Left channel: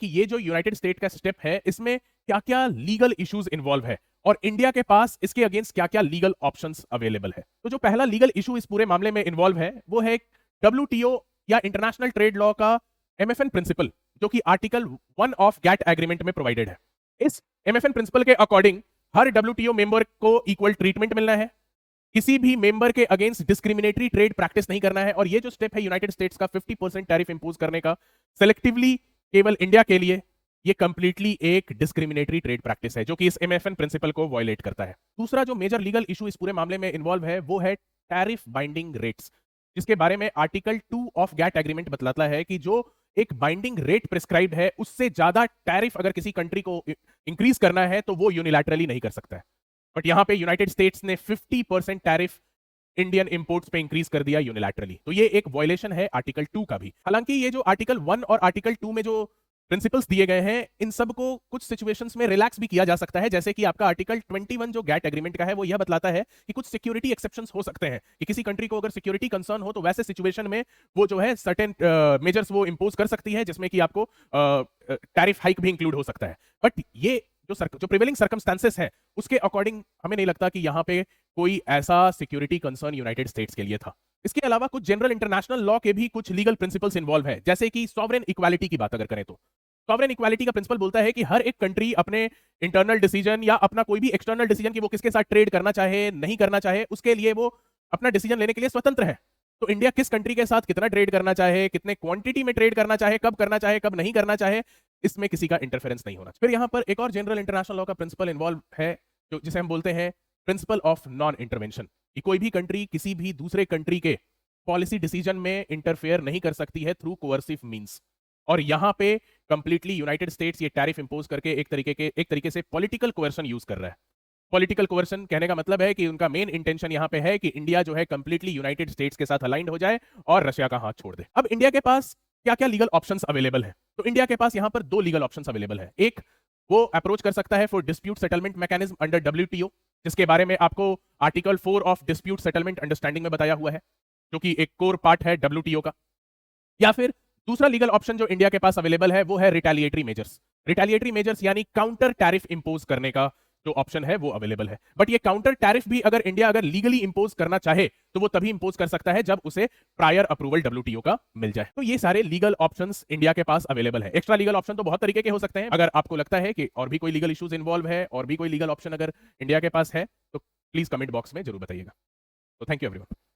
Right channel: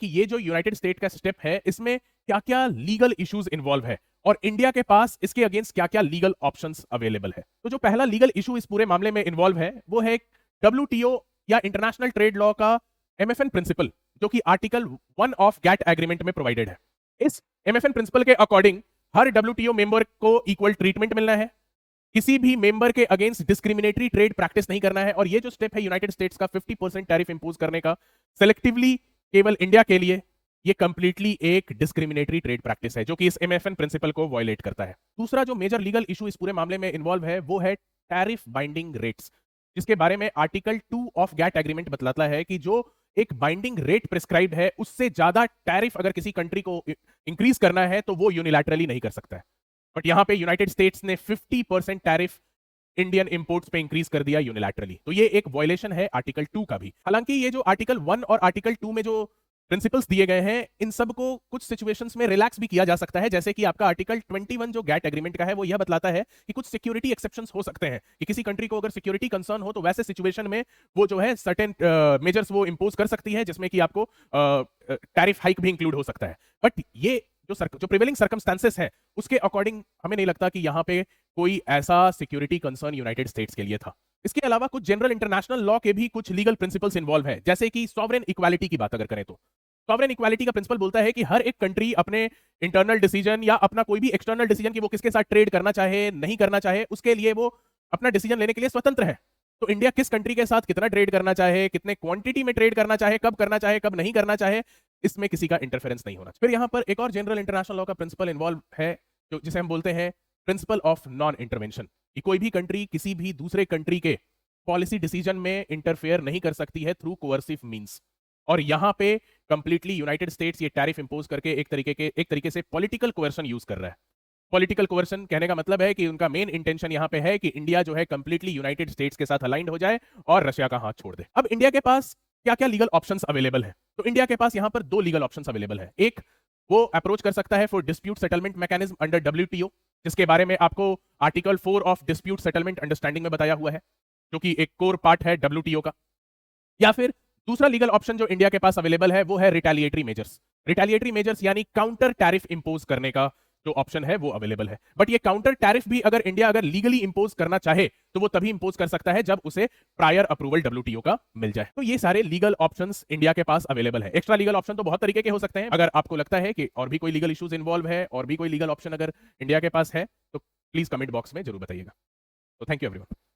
कि ये जो यूनाइटेड स्टेट का स्टेप है इसमें क्या-क्या लीगल इश्यूज इन्वॉल्व है और इंडिया के पास इसके अगेंस्ट क्या-क्या लीगल ऑप्शंस अवेलेबल है। तो जो पहला लीगल इशू इस पूरे मामले में इन्वॉल्व है वो है डब्ल्यूटीओ या इंटरनेशनल ट्रेड लॉ का एमएफएन प्रिंसिपल, जो कि आर्टिकल 1 ऑफ गैट एग्रीमेंट में प्रोवाइडेड है। इस एमएफएन प्रिंसिपल के अकॉर्डिंग हर डब्ल्यूटीओ मेंबर को इक्वल ट्रीटमेंट मिलना है, किसी भी मेंबर के अगेंस्ट डिस्क्रिमिनेटरी ट्रेड प्रैक्टिस नहीं करना है, और ये जो स्टेप है यूनाइटेड स्टेट्स का 50% टैरिफ इंपोज करने का सेलेक्टिवली केवल इंडिया के लिए, ये कंप्लीटली एक डिस्क्रिमिनेटरी ट्रेड प्रैक्टिस है जो कि इस एमएफएन प्रिंसिपल को वायलेट करता है। दूसरा जो मेजर लीगल इशू इस पूरे मामले में इन्वॉल्व है वो है टैरिफ बाइंडिंग रेट्स, जिसके बारे में आर्टिकल 2 ऑफ गैट एग्रीमेंट बतलाता है कि जो एक बाइंडिंग रेट प्रिस्क्राइब है उससे ज्यादा टैरिफ अगर किसी कंट्री को इंक्रीज करना है तो वो यूनिलैटरली नहीं कर सकते हैं। बट यहाँ पे यूनाइटेड स्टेट्स ने 50% टैरिफ इंडियन इंपोर्ट्स पे इंक्रीज कर दिया यूनिलैटरली, तो ये एक वायलेशन है आर्टिकल 2 का भी। हालांकि ये जो आर्टिकल 1 और आर्टिकल 2 में जो प्रिंसिपल्स दिए गए हैं इन सब को कुछ सिचुएशंस में रिलैक्स भी किया जा सकता है, जैसे कि आपका आर्टिकल 21 जो गैट एग्रीमेंट का है वो यह बतलाता है कि कुछ सिक्योरिटी एक्सेप्शंस हो सकते हैं कि किसी कंट्री को अगर सिक्योरिटी कंसर्न हो तो वैसे सिचुएशन में वो जो है सर्टेन मेजर्स वो इंपोज कर सकती है जिसमें कि आपको टैरिफ हाइक भी इंक्लूड हो सकता है। बट ये जो प्रिवेलिंग सर्कमस्टेंसेस है उसके अकॉर्डिंग हमें नहीं लगता कि यहाँ पे कोई ऐसा सिक्योरिटी कंसर्न यूनाइटेड स्टेट्स के लिए था। इसके अलावा कुछ जनरल इंटरनेशनल लॉ के भी कुछ लीगल प्रिंसिपल्स इन्वॉल्व हैं, जैसे कि सॉवरेन इक्वालिटी की बात अगर करें तो सॉवरेन इक्वालिटी का प्रिंसिपल बोलता है कि हर एक कंट्री अपने इंटरनल डिसीजन या अपना कोई भी एक्सटर्नल डिसीजन कि वो किसके साथ ट्रेड करना चाहे नहीं करना चाहे उसके लिए वो अपना डिसीजन लेने के लिए स्वतंत्र है। तो इंडिया किस कंट्री के साथ कितना ट्रेड करना चाहे, कितने क्वांटिटी में ट्रेड करना चाहे, कब नहीं करना चाहे, इसमें किसी का इंटरफेरेंस नहीं होना चाहिए। फिर यहाँ पर एक और जनरल इंटरनेशनल लॉ का प्रिंसिपल इन्वॉल्व है जो जिसे हम बोलते हैं प्रिंसिपल ऑफ नॉन इंटरवेंशन, कि कोई भी कंट्री किसी भी दूसरे कंट्री के पॉलिसी डिसीजन में इंटरफेयर नहीं कर सकती है थ्रू कोअर्सिव मींस। और यहाँ पे कंप्लीटली यूनाइटेड स्टेट्स ये टैरिफ इंपोज करके एक तरीके से पॉलिटिकल कोअर्सन यूज कर रहा है। पॉलिटिकल कोअर्सन कहने का मतलब है कि उनका मेन इंटेंशन यहाँ पे है कि इंडिया जो है कंप्लीटली यूनाइटेड स्टेट्स के साथ अलाइंड हो जाए और रशिया का हाथ छोड़ दे। अब इंडिया के पास क्या क्या लीगल ऑप्शंस अवेलेबल है, तो इंडिया के पास यहाँ पर दो लीगल ऑप्शंस अवेलेबल है। एक, वो अप्रोच कर सकता है for dispute settlement mechanism under WTO, जिसके बारे में आपको article 4 of dispute settlement understanding में बताया हुआ है, जो कि एक कोर पार्ट है डब्ल्यूटीओ का। या फिर दूसरा लीगल ऑप्शन जो इंडिया के पास अवेलेबल है वो है रिटेलिएटरी मेजर्स। रिटेलिएटरी मेजर्स यानी काउंटर टैरिफ इंपोज करने का जो ऑप्शन है वो अवेलेबल है। बट ये काउंटर टैरिफ भी अगर इंडिया अगर लीगली इंपोज करना चाहे तो वो तभी इंपोज कर सकता है जब उसे प्रायर अप्रूवल डब्ल्यूटीओ का मिल जाए। तो ये सारे लीगल ऑप्शंस इंडिया के पास अवेलेबल है। एक्स्ट्रा लीगल ऑप्शन तो बहुत तरीके के हो सकते हैं। अगर आपको लगता है कि और भी कोई लीगल इश्यूज इन्वॉल्व है और भी कोई लीगल ऑप्शन अगर इंडिया के पास है तो प्लीज कमेंट बॉक्स में जरूर बताइएगा। तो थैंक यू एवरीवन।